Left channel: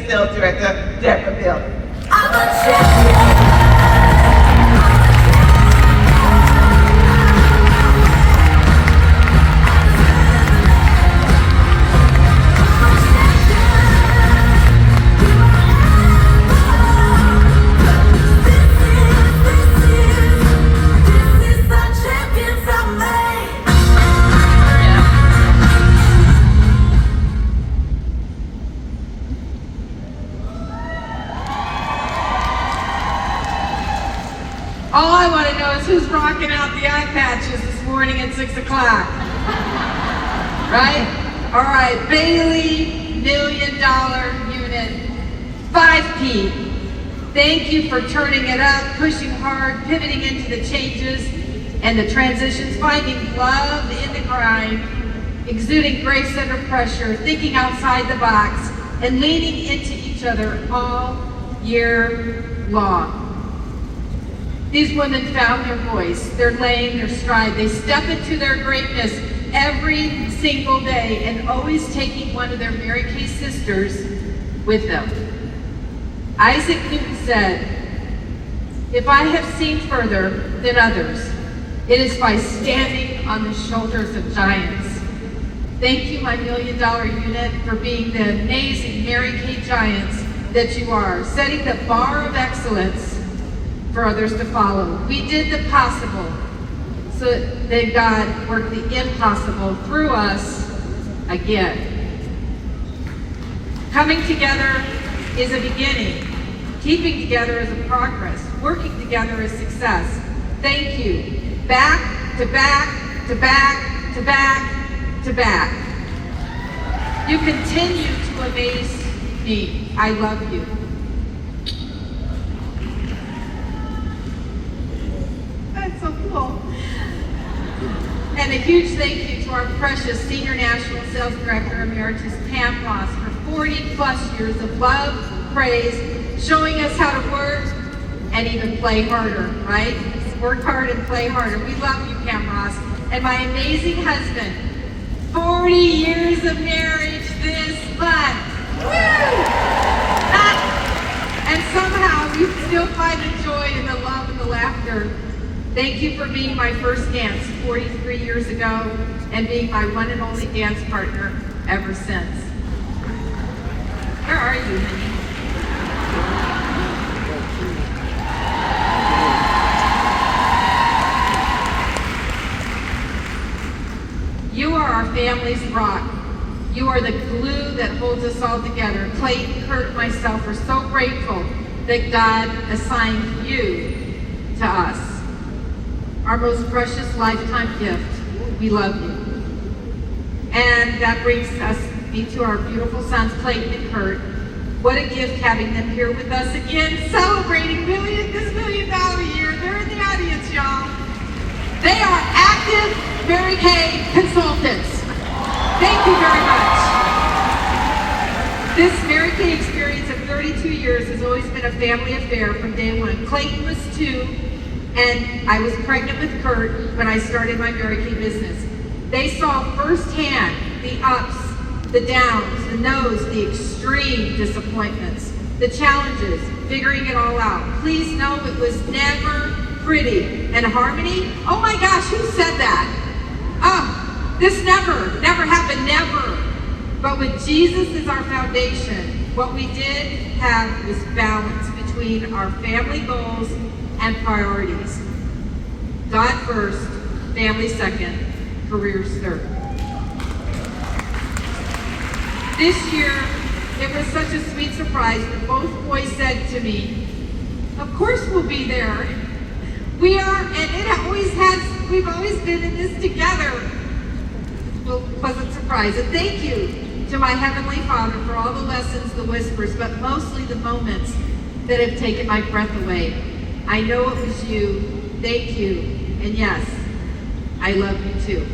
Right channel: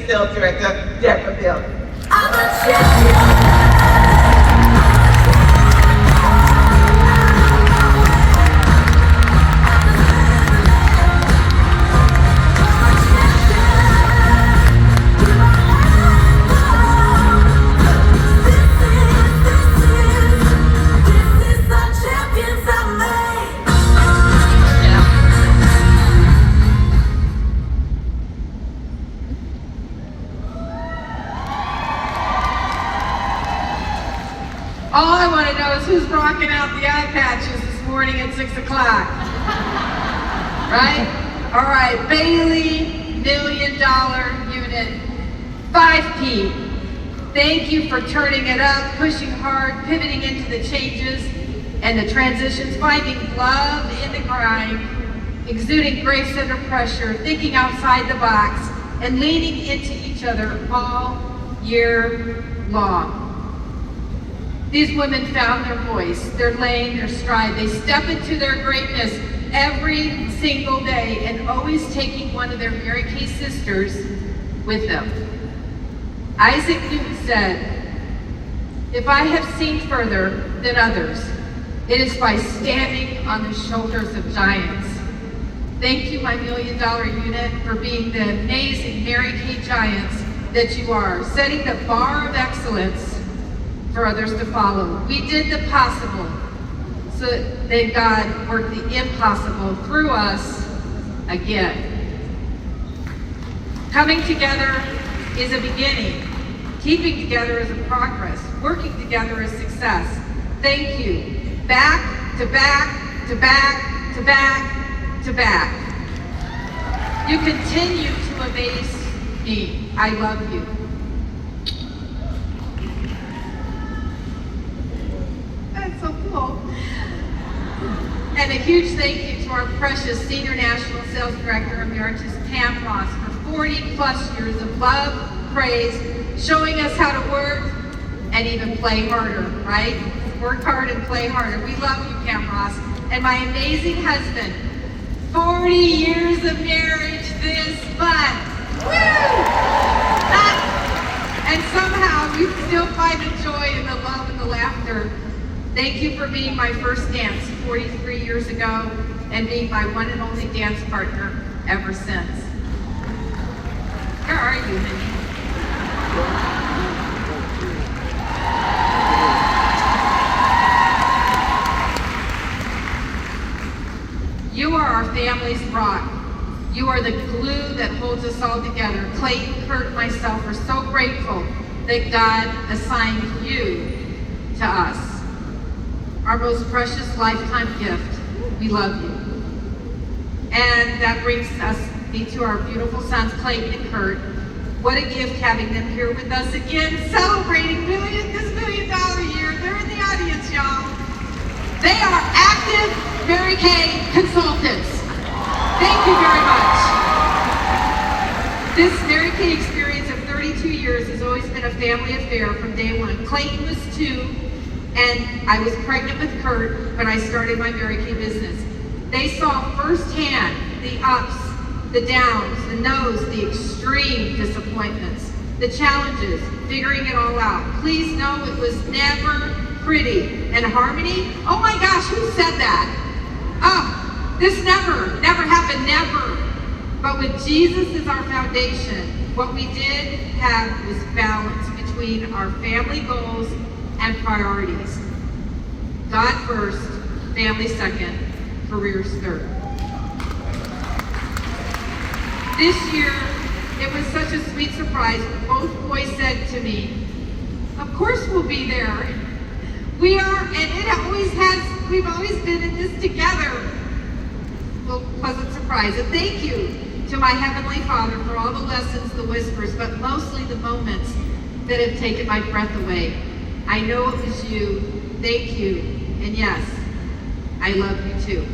and Sales Director, Deborah Bailye. All I want to know is who's rocking out the eye patches this morning at 6 o'clock. Right? All right, Bailye, $1 million unit, 5P. Thank you for turning it up, pushing hard, pivoting into the changes and the transitions, finding love in the grind, exuding grace under pressure, thinking outside the box, and leaning into each other all year long. These women found their voice, their lane, their stride. They step into their greatness every single day and always taking one of their Mary Kay sisters with them. Isaac Newton said, "If I have seen further than others, it is by standing on the shoulders of giants." Thank you, my $1 million unit, for being the amazing Mary Kay giants that you are, setting the bar of excellence for others to follow. We did the possible so that God worked the impossible through us again. Coming together is a beginning. Keeping together is a progress. Working together is success. Thank you. Back to back to back to back to back. You continue to amaze me. I love you. That's so cool. And a huge thank you to our precious Senior National Sales Director Emeritus Pam Ross for 40 plus years of love, praise, showing us how to work and even play harder, right? Work hard and play harder. We love you, Pam Ross. And my amazing husband, 40 years of marriage this month. Woo! And somehow you still find the joy and the love and the laughter. Thank you for being my first dance 43 years ago and being my one and only dance partner ever since. Where are you, honey? You are our family's rock. You are the glue that holds us all together. Clayton, Kurt, and myself are so grateful that God assigned you to us. Our most precious lifetime gift. We love you. And that brings me to our beautiful sons, Clayton and Kurt. What a gift having them here with us again, celebrating this $1 million year. They're in the audience, y'all. They are active Mary Kay consultants. Thank you very much. This Mary Kay experience of 32 years has always been a family affair from day one. Clayton was 2, and I was pregnant with Kurt when I started my Mary Kay business. They saw firsthand the ups, the downs, the no's, the extreme disappointments, the challenges, figuring it all out. Please know it was never pretty. And harmony? Oh my gosh, who said that? Oh, this never happened, never. But with Jesus as our foundation, what we did have was balance between our family goals and priorities. God first, family second, careers third. This year, it was such a sweet surprise when both boys said to me, "Of course we'll be there. We are, and it always has, we've always been in this together." Well, pleasant surprise. And thank you to my Heavenly Father for all the lessons, the whispers, but mostly the moments that have taken my breath away. I know it was you. Thank you. And yes, I love you too.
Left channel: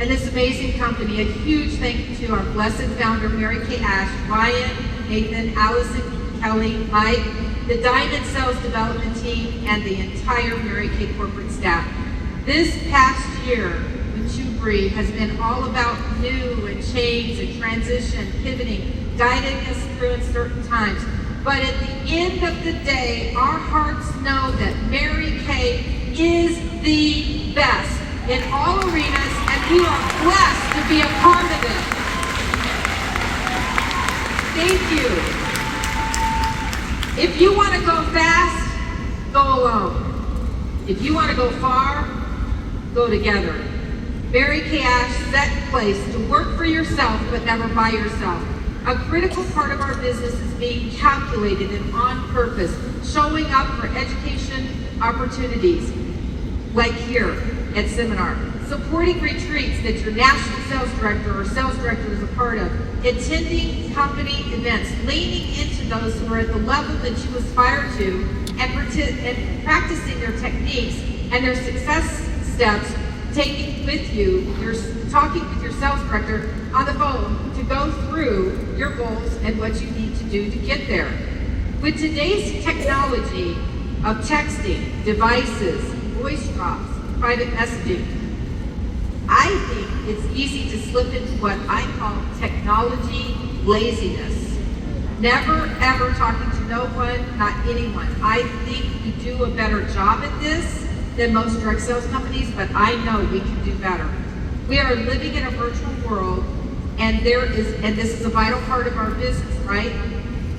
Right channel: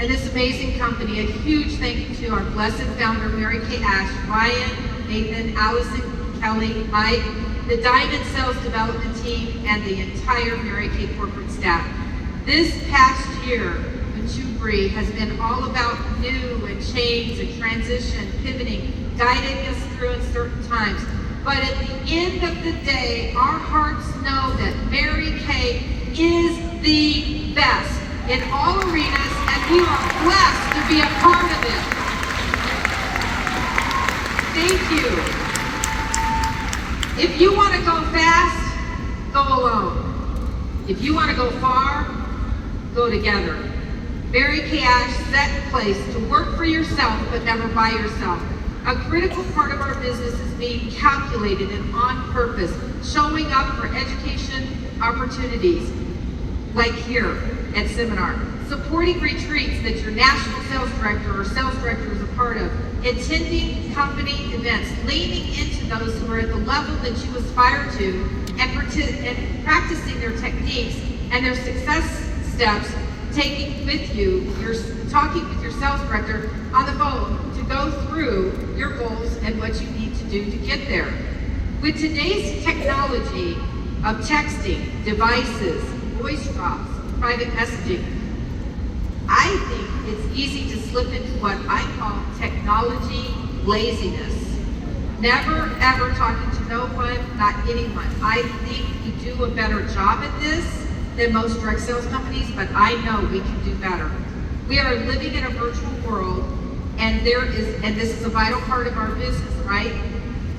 And this amazing company, a huge thank you to our blessed founder, Mary Kay Ash, Ryan, Nathan, Allison, Kelly, Mike, the Diamond Sales Development Team, and the entire Mary Kay corporate staff. This past year in Breathe has been all about new and change and transition, pivoting, guiding us through in certain times. But at the end of the day, our hearts know that Mary Kay is the best in all arenas, and we are blessed to be a part of it. Thank you. If you want to go fast, go alone. If you want to go far, go together. Mary Kay Ash set in place to work for yourself, but never by yourself. A critical part of our business is being calculated and on purpose, showing up for education opportunities, like here at Seminar, supporting retreats that your national sales director or sales director is a part of, attending company events, leaning into those who are at the level that you aspire to, and practicing their techniques and their success steps, taking with you, you're talking with your sales director on the phone to go through your goals and what you need to do to get there. With today's technology of texting, devices, voice drops, private messaging, I think it's easy to slip into what I call technology laziness. Never ever talking to no one, not anyone. I think we do a better job at this than most direct sales companies, but I know we can do better. We are living in a virtual world, and this is a vital part of our business, right?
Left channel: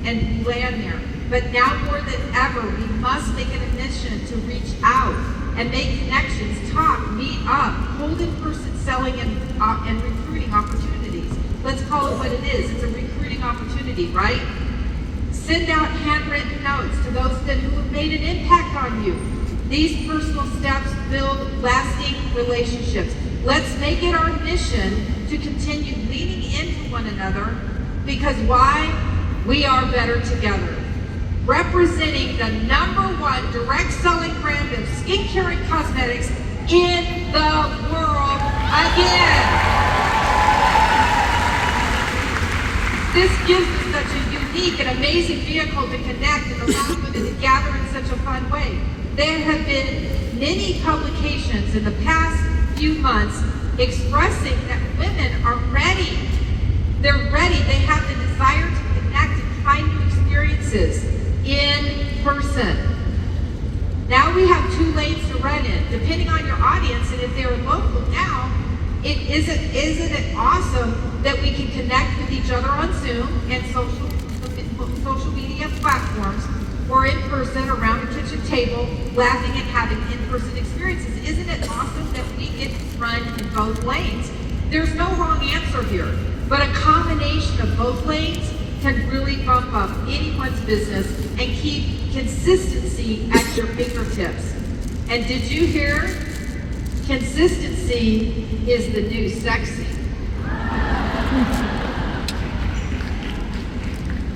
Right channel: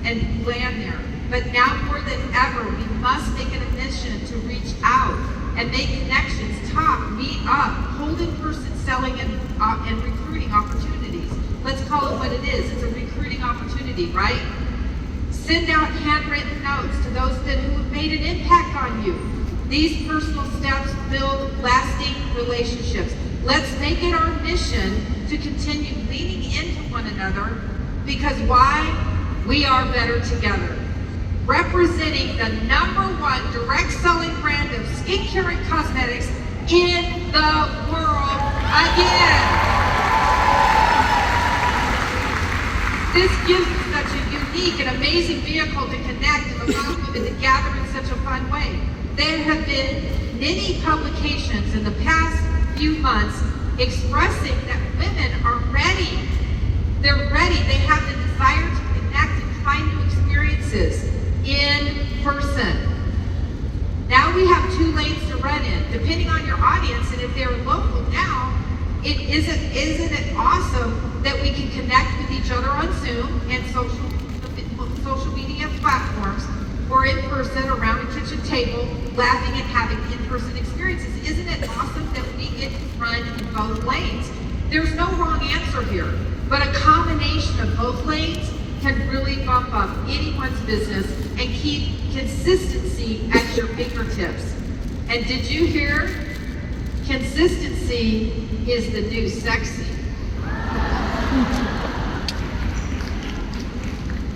And we land there. But now more than ever, we must make it a mission to reach out and make connections, talk, meet up, hold in-person selling and recruiting opportunities. Let's call it what it is. It's a recruiting opportunity, right? Send out handwritten notes to those who have made an impact on you. These personal steps build lasting relationships. Let's make it our mission to continue leaning into one another, because why? We are better together. Representing the #1 direct selling brand of skincare and cosmetics in the world again. This gives us such a unique and amazing vehicle to connect and allow women to gather in such a fun way. There have been many publications in the past few months expressing that women are ready. They're ready. They have the desire to connect and try new experiences in person. Now we have 2 lanes to run in, depending on your audience, and if they're local now, isn't it awesome that we can connect with each other on Zoom and social media platforms, or in person around a kitchen table, laughing and having in-person experiences? Isn't it awesome that we get to run in both lanes? There's no wrong answer here, but a combination of both lanes can really bump up anyone's business and keep consistency at your fingertips. And did you hear? Consistency is the new sexy.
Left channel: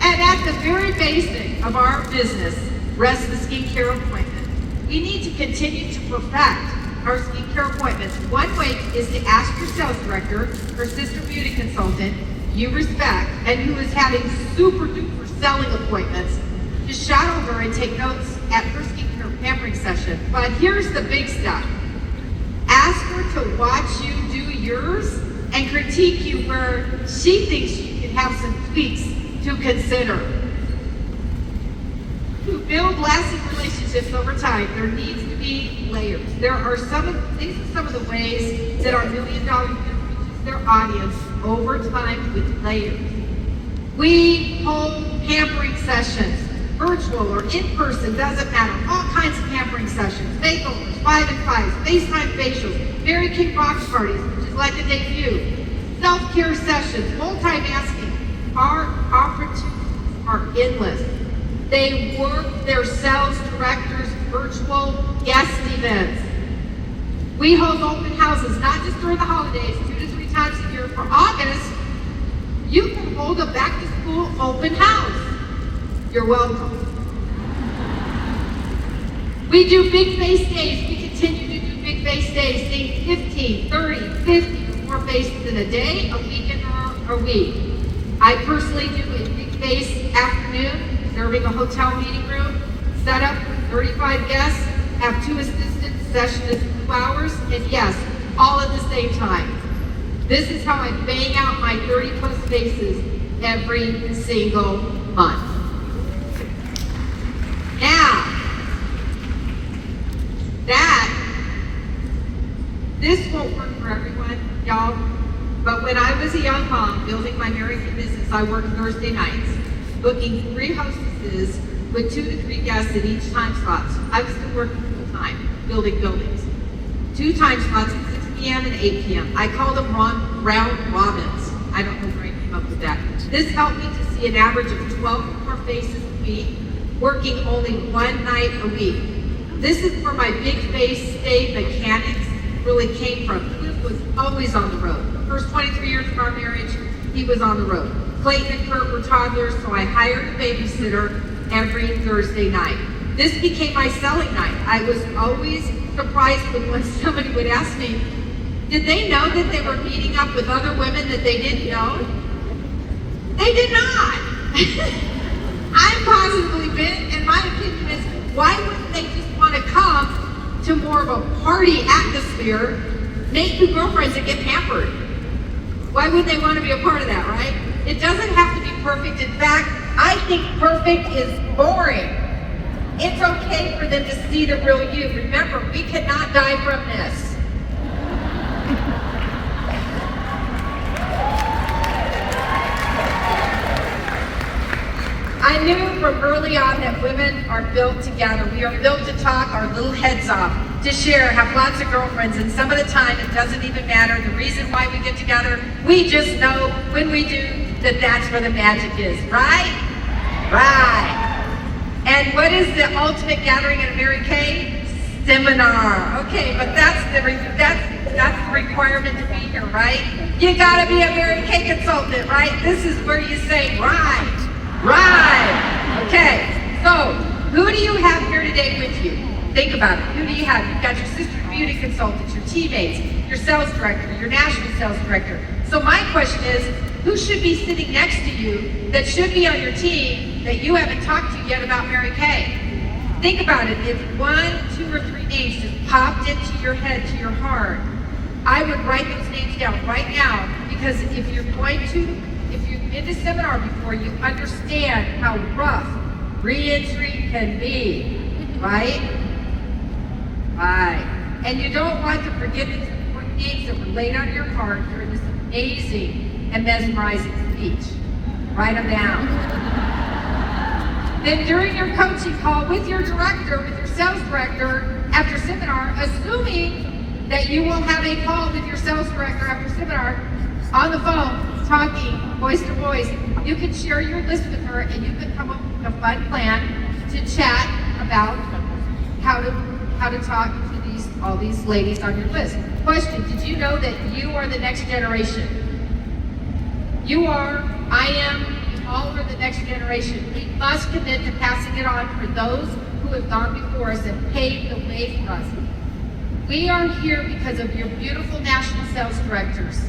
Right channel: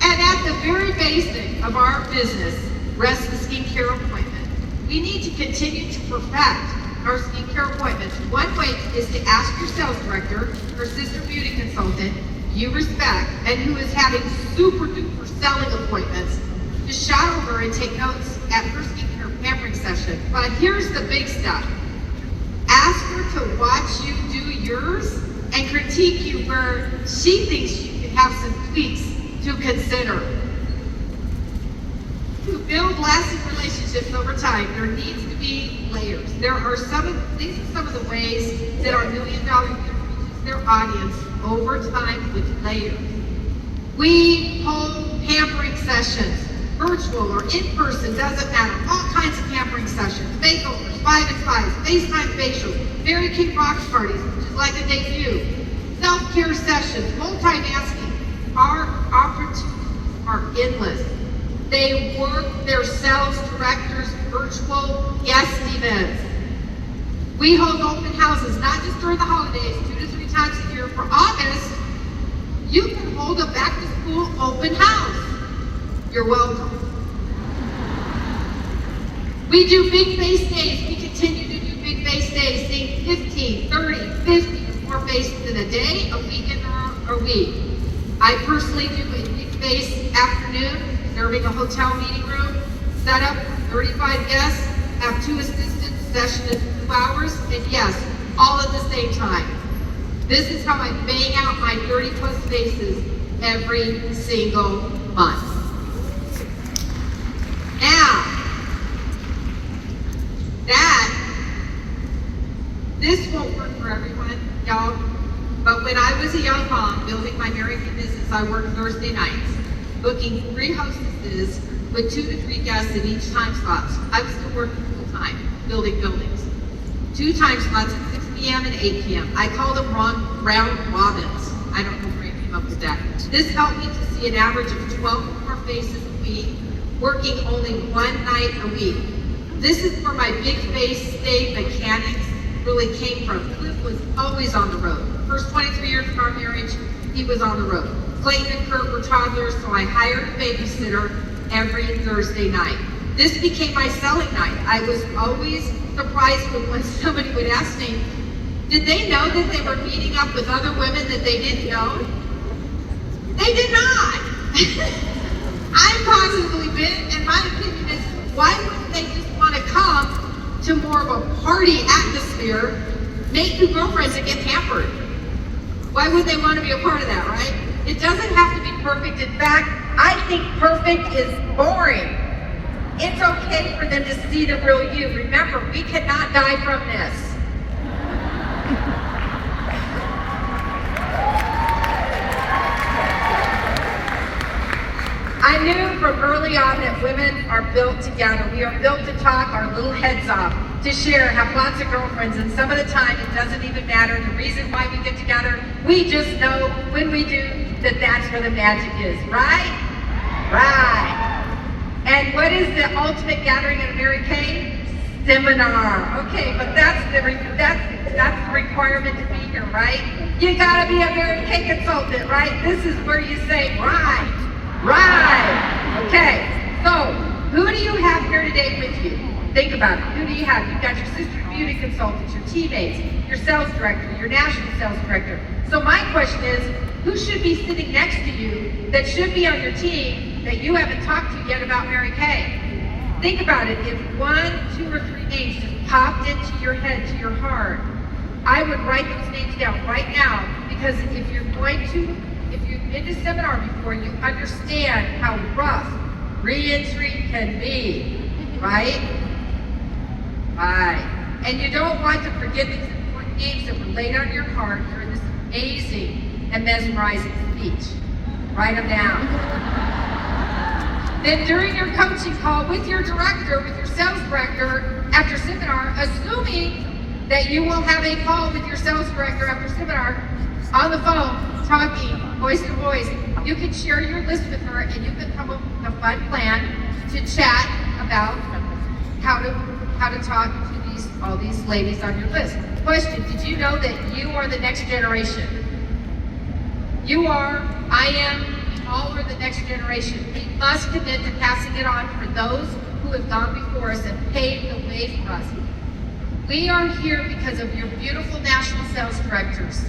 And at the very basic of our business rests the skincare appointment. We need to continue to perfect our skincare appointments. One way is to ask your sales director or sister beauty consultant you respect and who is having super duper selling appointments to shadow her and take notes at her skincare pampering session. But here's the big stuff. Ask her to watch you do yours and critique you where she thinks you can have some tweaks to consider. To build lasting relationships over time, there needs to be layers. These are some of the ways that our $1 million reach their audience over time with layers. We hold pampering sessions, virtual or in person, doesn't matter. All kinds of pampering sessions, makeovers, 5 and 5s, FaceTime facials, Mary Kay Rocks parties, which is like a debut, self-care sessions, multitasking. Our opportunities are endless. They work their sales directors' virtual guest events. We hold open houses, not just during the holidays, 2 to 3 times a year. For August, you can hold a back-to-school open house. You're welcome. We do big face days. We continue to do big face days, seeing 15, 30, 50 more faces in a day, a weekend, or a week. I personally do a big face afternoon, serving a hotel meeting room, set up 35 guests, have 2 assistants, session is 2 hours, and yes, all at the same time. This is how I bang out my 30 plus faces every single month. Now, this won't work for everyone, y'all, but when I was a young mom building my Mary Kay business, I worked Thursday nights, booking 3 hostesses with 2 to 3 guests at each time slot. I was still working full time, building buildings. 2 time slots at 6 p.m. and 8 p.m. I called them round robins. I don't know where I came up with that. This helped me to see an average of 12 more faces a week, working only 1 night a week. This is where my big face stay mechanics really came from. Cliff was always on the road. The first 23 years of our marriage, he was on the road. Clayton and Kurt were toddlers, so I hired a babysitter every Thursday night. This became my selling night. I was always surprised when somebody would ask me, did they know that they were meeting up with other women that they didn't know? They did not. I'm positively bit, and my opinion is, why wouldn't they just want to come to more of a party atmosphere, make new girlfriends and get pampered? Why would they want to be a part of that, right? It doesn't have to be perfect. In fact, I think perfect is boring. It's okay for them to see the real you. Remember, we cannot die from this. I knew from early on that women are built together. We are built to talk our little heads off, to share, have lots of girlfriends, and some of the time it doesn't even matter the reason why we get together. We just know when we do that that's where the magic is, right? Right. And what is the ultimate gathering at a Mary Kay? Seminar. Okay, but that's the requirement to be here, right? You gotta be a Mary Kay consultant, right? This is where you say, right. Right. Okay. So, who do you have here today with you? Think about it. Who do you have? You've got your sister beauty consultants, your teammates, your sales director, your national sales director. So my question is, who should be sitting next to you that should be on your team that you haven't talked to yet about Mary Kay? Think about it. If 1, 2, or 3 names just popped into your head, to your heart, I would write those names down right now, because if you're in the seminar before, you understand how rough re-entry can be, right? Right. And you don't want to forget these important names that were laid on your heart during this amazing and mesmerizing speech. Write them down. Then during your coaching call with your director, with your sales director after seminar, assuming that you will have a call with your sales director after seminar on the phone, talking voice to voice, you can share your list with her, and you can come up with a fun plan to chat about how to talk to all these ladies on your list. Question, did you know that you are the next generation? You are, I am, we all are the next generation. We must commit to passing it on for those who have gone before us and paved the way for us. We are here because of your beautiful national sales directors,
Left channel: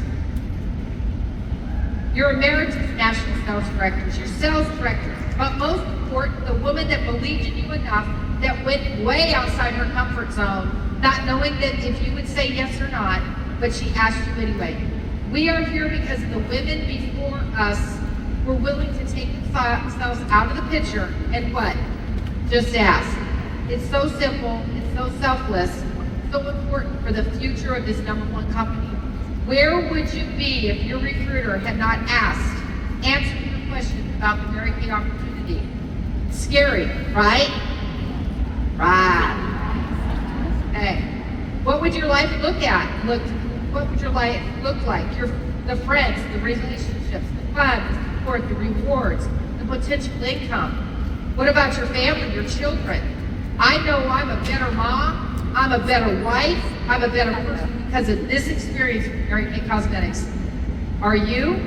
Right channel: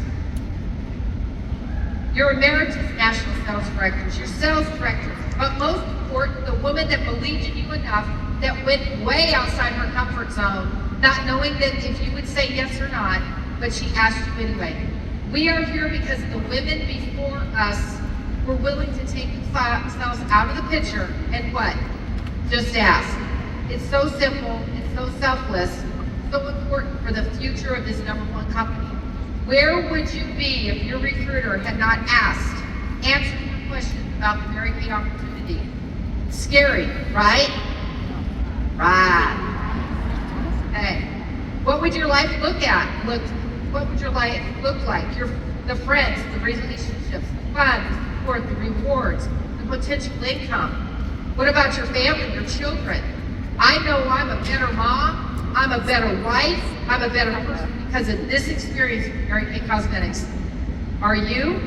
your emeritus national sales directors, your sales directors, but most important, the woman that believed in you enough that went way outside her comfort zone, not knowing that if you would say yes or not, but she asked you anyway. We are here because the women before us were willing to take themselves out of the picture and what? Just ask. It's so simple, it's so selfless, so important for the future of this #1 company. Where would you be if your recruiter had not answered your question about the Mary Kay opportunity? Scary, right? Right. Okay. What would your life look like? The friends, the relationships, the fun, the support, the rewards, the potential income. What about your family, your children? I know I'm a better mom, I'm a better wife, I'm a better person because of this experience with Mary Kay Cosmetics. Are you?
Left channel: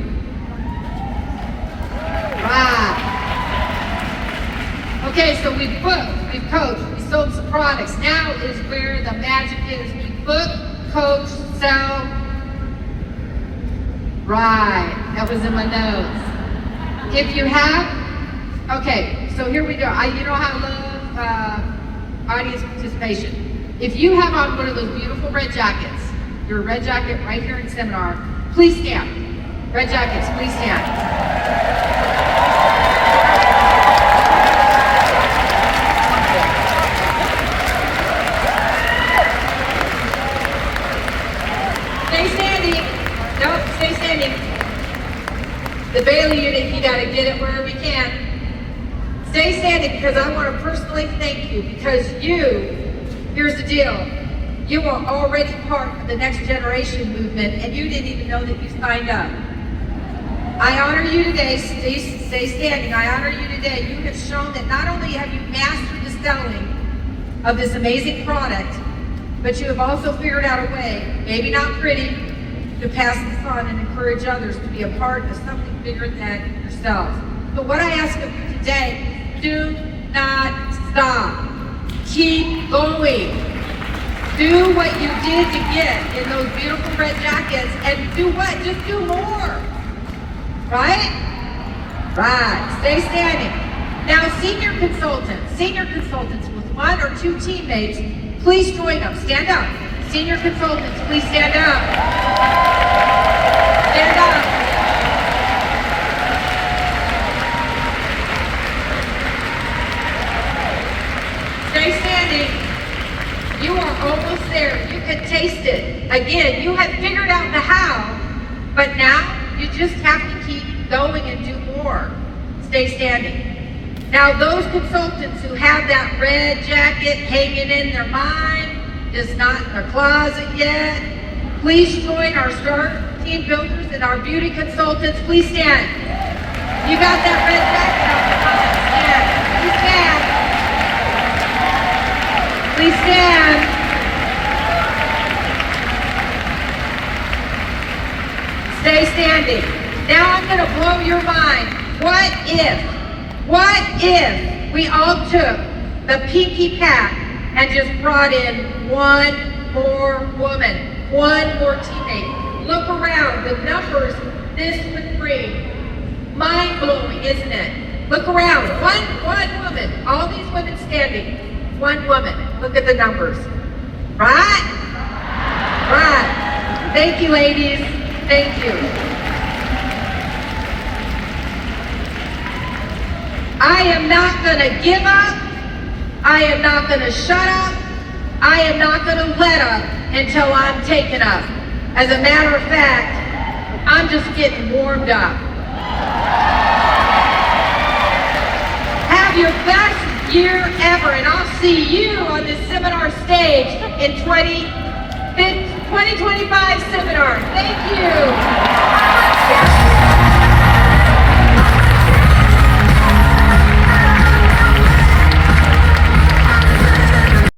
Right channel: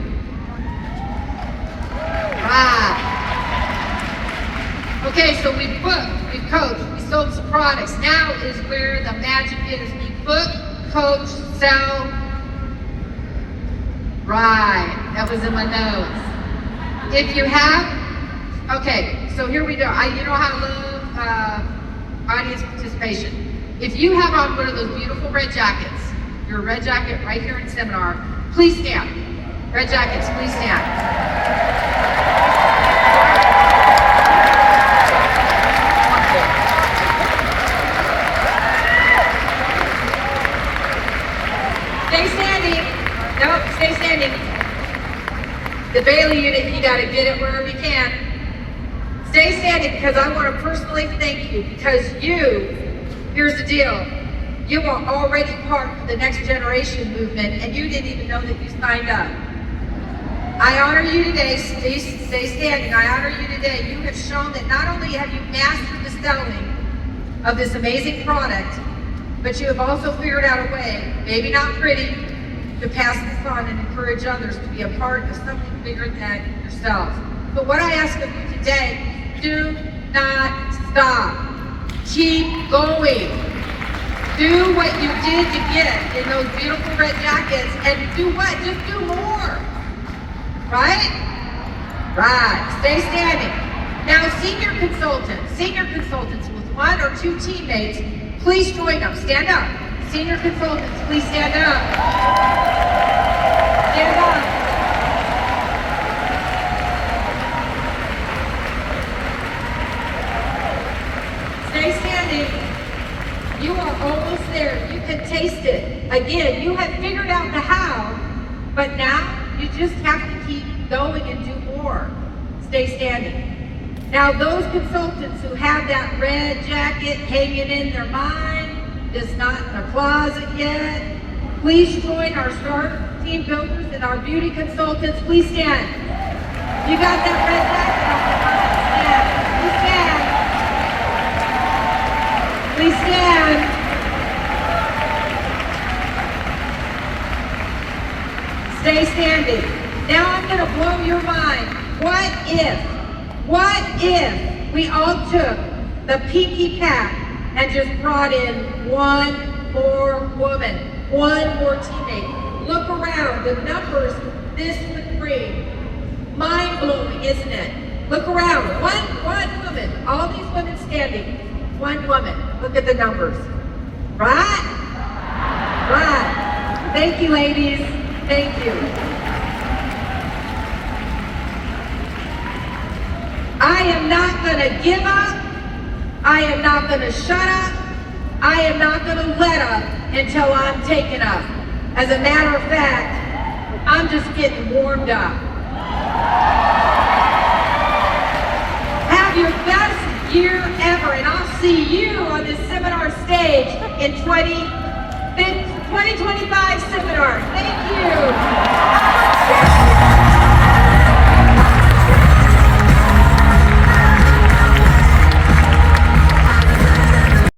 Wow. Okay, so we've booked, we've coached, we sold some products. Now is where the magic is. We book, coach, sell. Right, that was in my notes. If you have, okay, so here we go. You know how I love audience participation. If you have on one of those beautiful red jackets, your red jacket right here in seminar, please stand. Red jackets, please stand. Stay standing because I want to personally thank you because here's the deal, you are already part of the next generation movement and you didn't even know that you signed up. I honor you today, stay standing, I honor you today. You have shown that not only have you mastered the selling of this amazing product, but you have also figured out a way, maybe not pretty, to pass this on and encourage others to be a part of something bigger than yourself. But what I ask of you today, do not stop. Keep going. Do what you did to get in those beautiful red jackets and do what? Just do more. Right? Right. Stay standing. Now, senior consultants with one or two teammates, please join them. Stand up. Senior consultants, please stand up. Stand up. Stay standing. You are almost there. You can taste it. Again, you have figured out the how, but now you just have to keep going and do more. Stay standing. Now, those consultants who have that red jacket hanging in their mind, is not in their closet yet, please join our START team builders and our beauty consultants. Please stand. You got that red jacket. Please stand. Please stand. Stay standing. Now I'm going to blow your mind. What if we all took the pinky pack and just brought in one more woman, one more teammate? Look around, the numbers this would bring. Mind-blowing, isn't it? Look around, one woman, all these women standing, one woman. Look at the numbers. Right? Right. Thank you, ladies. Thank you. I am not going to give up. I am not going to shut up. I am not going to let up until I'm taken up. As a matter of fact, I'm just getting warmed up. Have your best year ever, and I'll see you on this seminar stage in 2025 seminar. Thank you.